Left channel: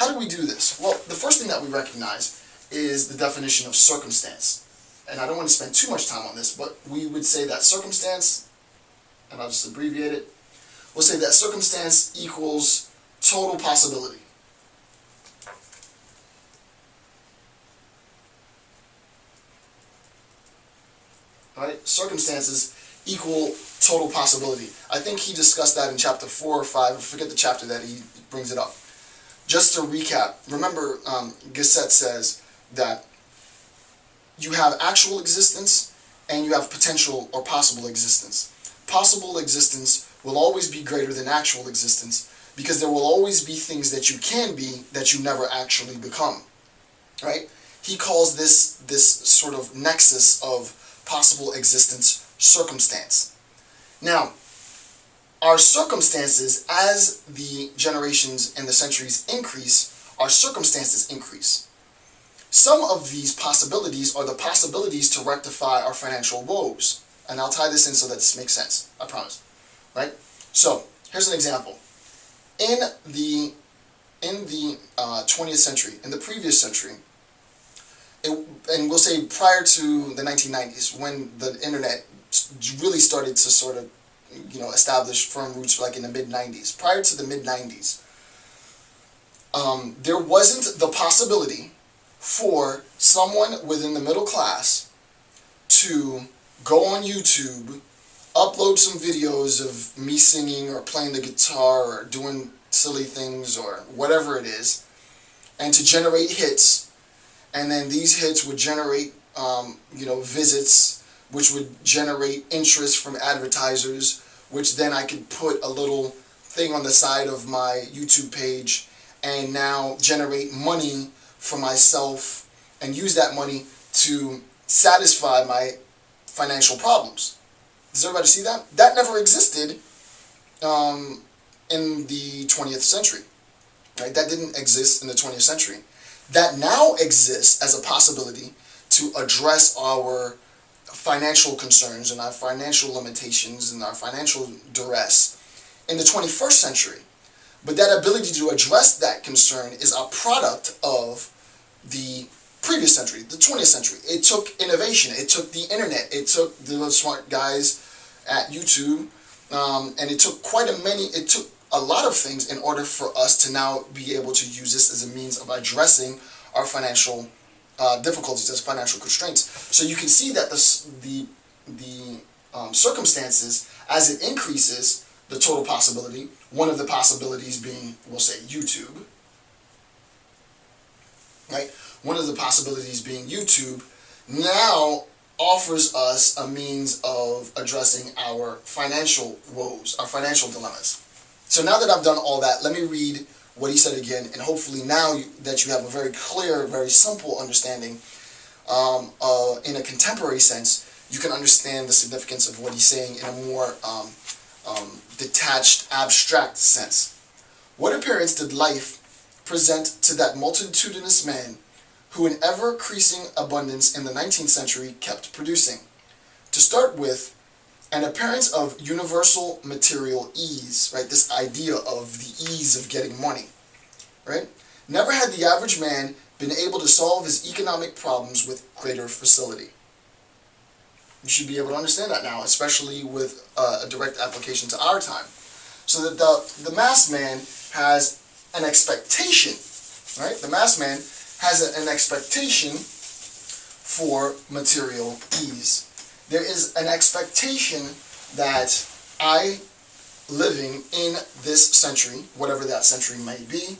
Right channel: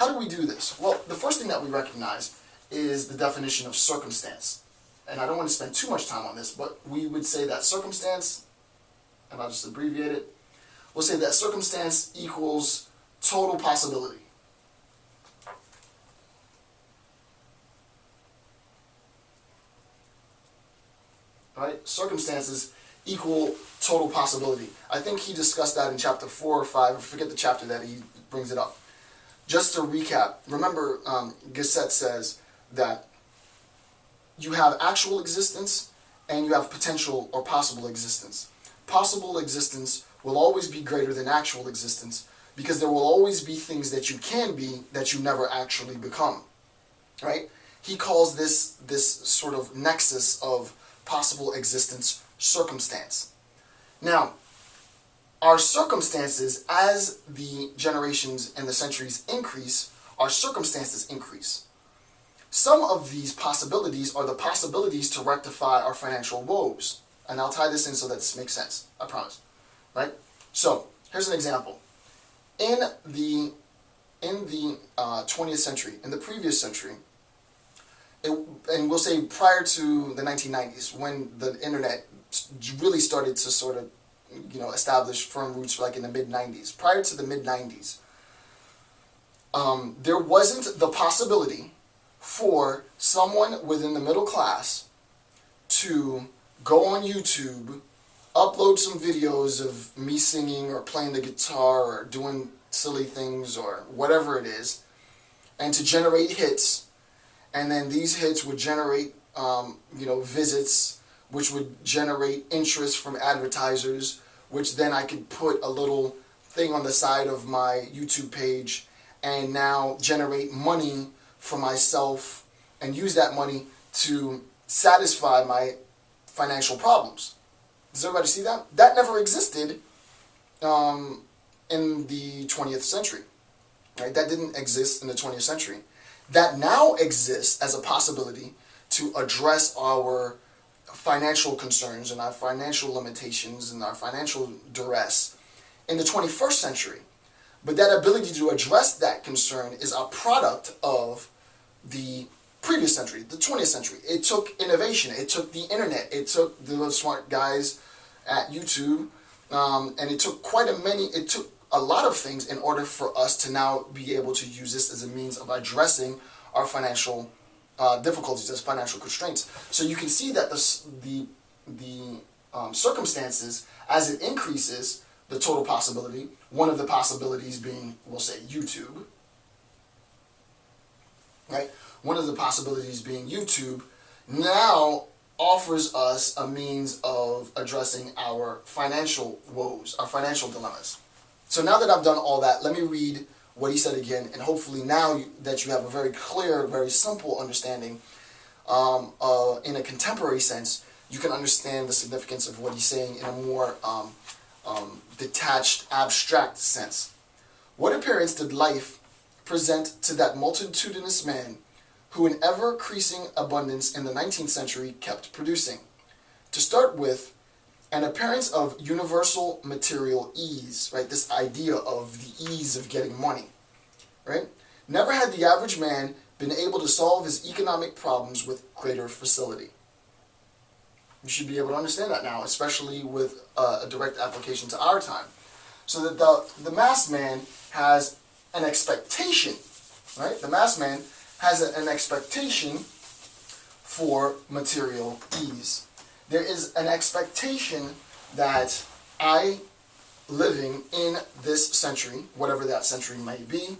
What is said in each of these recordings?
how do we do this? Well, the first thing that we recognize is the definition of circumstance. And I don't want to spend too much time on this, but we would say that circumstance, and I'll just abbreviate it, we'll say that circumstance equals total possibility. Right? Circumstances equal total possibility. I think he discussed that in chapter 4 or 5. I forget the chapter that he brings it up. Just to recap, remember Gasset says that you have actual existence and you have potential or possible existence. Possible existence will always be greater than actual existence because there will always be things that you can be that you never actually become. Right? He calls this sort of nexus of possible existence circumstance. Now, our circumstances, as the generations and the centuries increase, our circumstances increase. Some of these possibilities are the possibilities to rectify our financial woes. And I'll tie this in so that this makes sense. I promise. Right? So, here's an example. In the 20th century, in the previous century, and we'll say prior to the 1990s, when the internet really started to sort of, establish firm roots, like in the mid-90s. Prior to the mid-90s, there wasn't the possibility for someone within the middle class to go on YouTube, upload some videos of me singing or playing the guitar or doing silly things or whatever it is, and to generate hits. And then these hits would generate, visits, which would generate interest from advertisers, which then I could put a little thing on the side of my YouTube page and now generate money for myself and use that money to satisfy my financial problems. Does everybody see that? That never existed in the 20th century. Right? That didn't exist in the 20th century. That now exists as a possibility to address our financial concerns and our financial limitations and our financial duress in the 21st century. But that ability to address that concern is a product of the previous century, the 20th century. It took innovation. It took the internet. It took the smart guys at YouTube. And it took it took a lot of things in order for us to now be able to use this as a means of addressing our financial difficulties, as financial constraints. So you can see that the circumstances, as it increases the total possibility, one of the possibilities being, we'll say, YouTube, right? One of the possibilities being YouTube now offers us a means of addressing our financial woes, our financial dilemmas. So now that I've done all that, let me read what he said again, and hopefully now that you have a very clear, very simple understanding in a contemporary sense, you can understand the significance of what he's saying in a more detached, abstract sense. What appearance did life present to that multitudinous man who in ever-increasing abundance in the 19th century kept producing? To start with, an appearance of universal material ease, right? This idea of the ease of getting money, right? Never had the average man been able to solve his economic problems with greater facility. You should be able to understand that now, especially with a direct application to our time. So that the mass man has an expectation, right? The mass man has an expectation for material ease. There is an expectation that I, living in this century, whatever that century may be,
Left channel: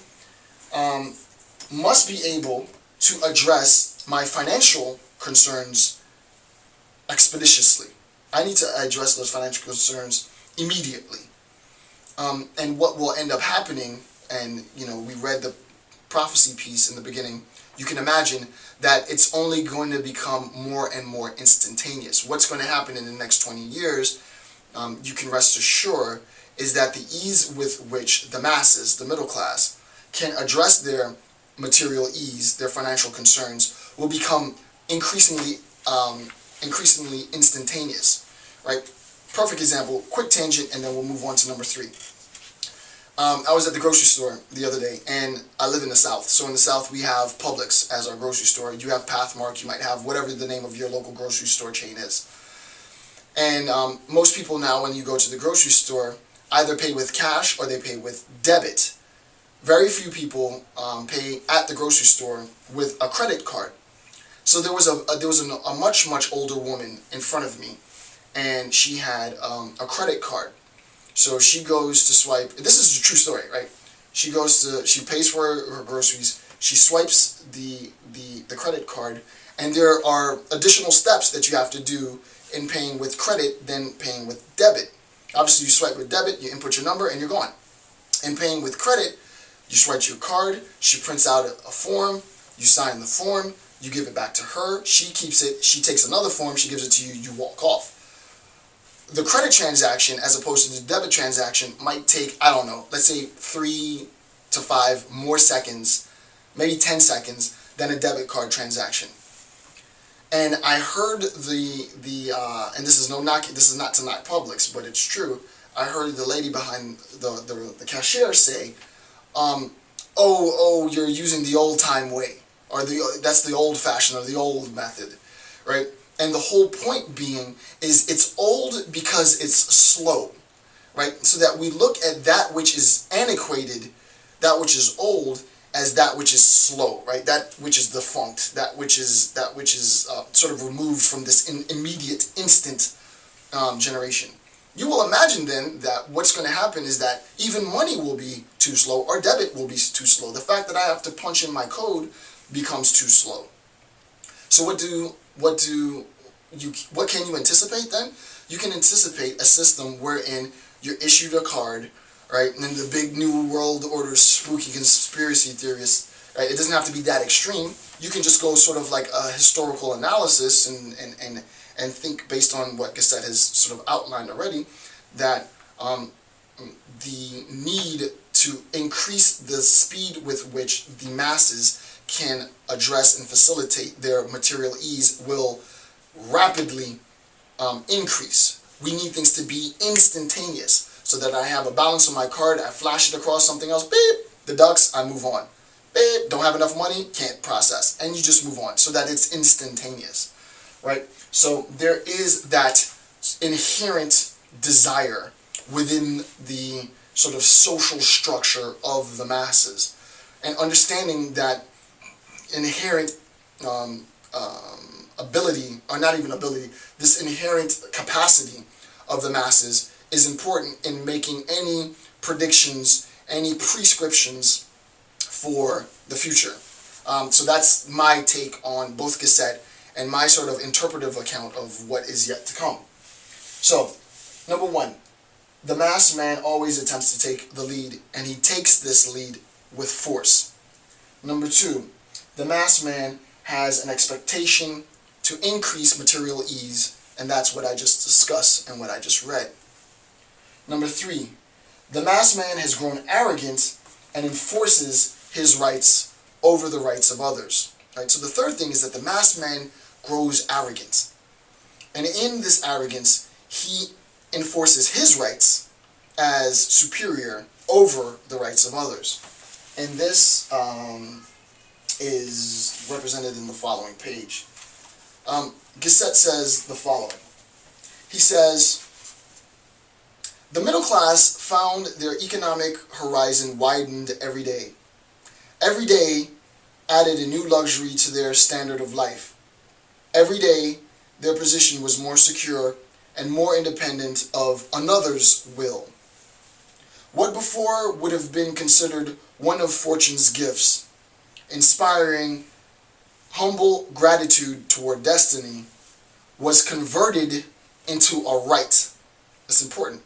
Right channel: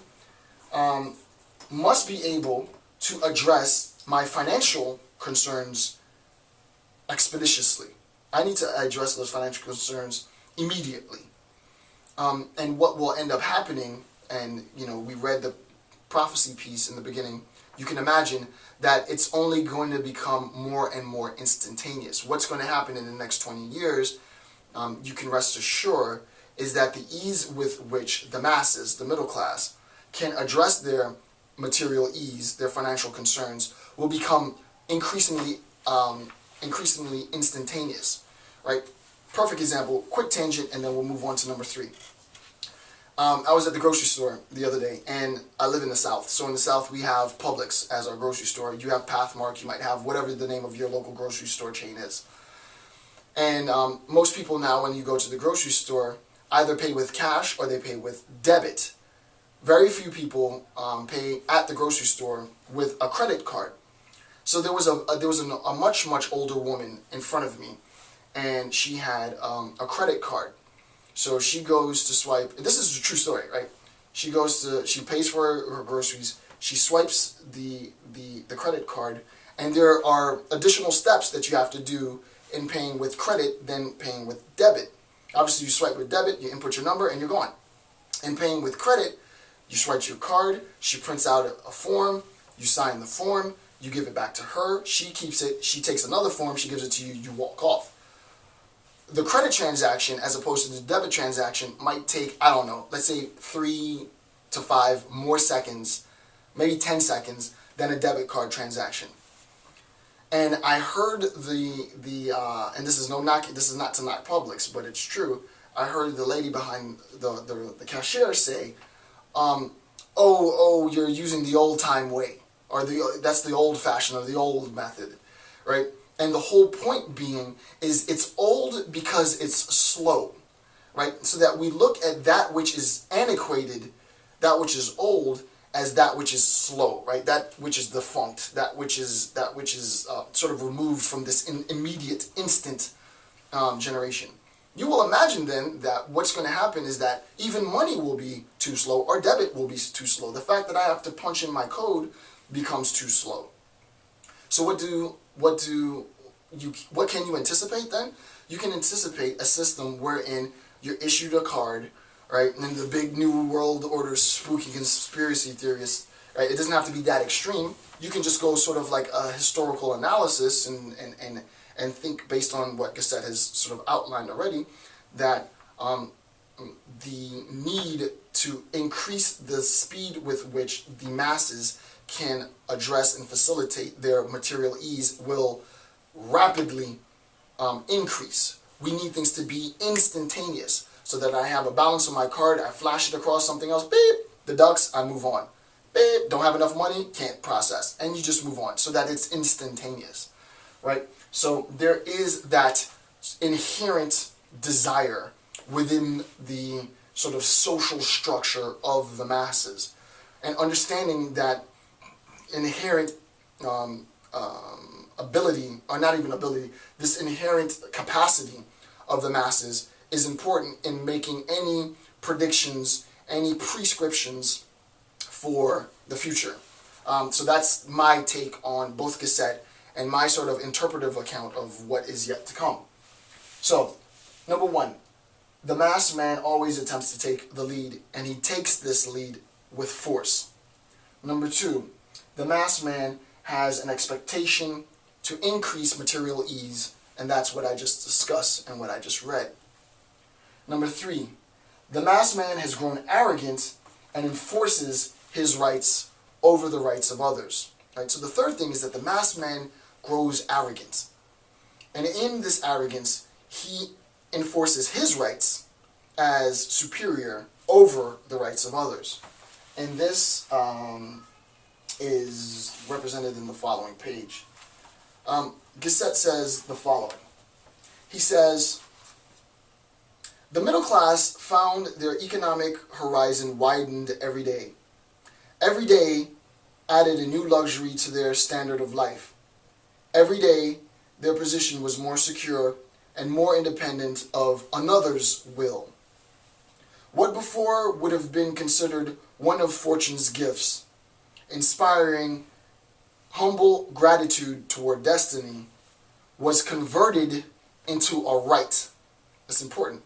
must be able to address my financial concerns expeditiously. I need to address those financial concerns immediately. And what will end up happening, and we read the prophecy piece in the beginning, you can imagine that it's only going to become more and more instantaneous. What's going to happen in the next 20 years, you can rest assured, is that the ease with which the masses, the middle class, can address their material ease, their financial concerns, will become increasingly instantaneous. Right? Perfect example, quick tangent, and then we'll move on to number 3. I was at the grocery store the other day, and I live in the South. So in the South, we have Publix as our grocery store. You have Pathmark. You might have whatever the name of your local grocery store chain is. And most people now, when you go to the grocery store, either pay with cash or they pay with debit. Very few people pay at the grocery store with a credit card. So there was a much older woman in front of me, and she had a credit card. So she goes to swipe. This is a true story, right? She pays for her groceries. She swipes the credit card, and there are additional steps that you have to do in paying with credit than paying with debit. Obviously, you swipe with debit, you input your number, and you're gone. In paying with credit, you swipe your card. She prints out a form. You sign the form. You give it back to her. She keeps it. She takes another form. She gives it to you. You walk off. The credit transaction, as opposed to the debit transaction, might take, I don't know, let's say 3 to 5 more seconds, maybe 10 seconds, than a debit card transaction. And I heard and this is not to knock Publix, but it's true. I heard the lady behind the cashier say, "Oh, you're using the old time way, or that's the old fashioned or the old method," right? And the whole point being is it's old because it's slow, right? So that we look at that which is antiquated, that which is old, as that which is slow, right? That which is defunct, that which is sort of removed from this immediate, instant generation. You will imagine then that what's going to happen is that even money will be too slow, or debit will be too slow. The fact that I have to punch in my code becomes too slow. So what can you anticipate then? You can anticipate a system wherein you're issued a card, right? And then the big New World Order spooky conspiracy theorists, right? It doesn't have to be that extreme. You can just go sort of like a historical analysis and think based on what Gasset has sort of outlined already, that the need to increase the speed with which the masses can address and facilitate their material ease will rapidly increase. We need things to be instantaneous, so that I have a balance on my card, I flash it across something else, beep, deducts, I move on. Beep, don't have enough money, can't process. And you just move on, so that it's instantaneous, right? So there is that inherent desire within the sort of social structure of the masses, and understanding that inherent ability, or not even ability, this inherent capacity of the masses is important in making any predictions, any prescriptions for the future. So that's my take on both Gasset and my sort of interpretive account of what is yet to come. So, number one, the masked man always attempts to take the lead, and he takes this lead with force. Number two, the masked man has an expectation to increase material ease, and that's what I just discussed and what I just read. Number three, the masked man has grown arrogant and enforces his rights over the rights of others. Right? So the third thing is that the masked man grows arrogant. And in this arrogance, he enforces his rights as superior over the rights of others. And this is represented in the following page. Gasset says the following. He says, "The middle class found their economic horizon widened every day. Every day added a new luxury to their standard of life. Every day their position was more secure and more independent of another's will. What before would have been considered one of fortune's gifts, inspiring humble gratitude toward destiny, was converted into a right." That's important.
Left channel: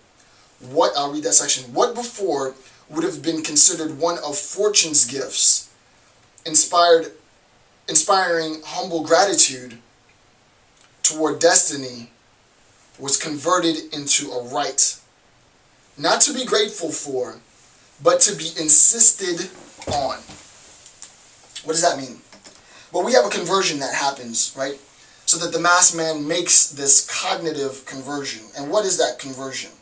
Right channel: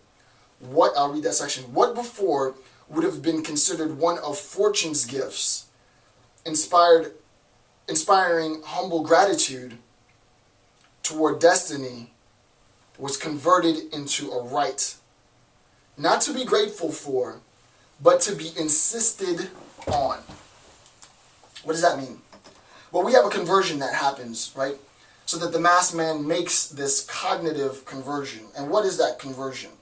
I'll read that section. What before would have been considered one of fortune's gifts, inspiring humble gratitude toward destiny, was converted into a right. Not to be grateful for, but to be insisted on. What does that mean? Well, we have a conversion that happens, right? So that the masked man makes this cognitive conversion. And what is that conversion?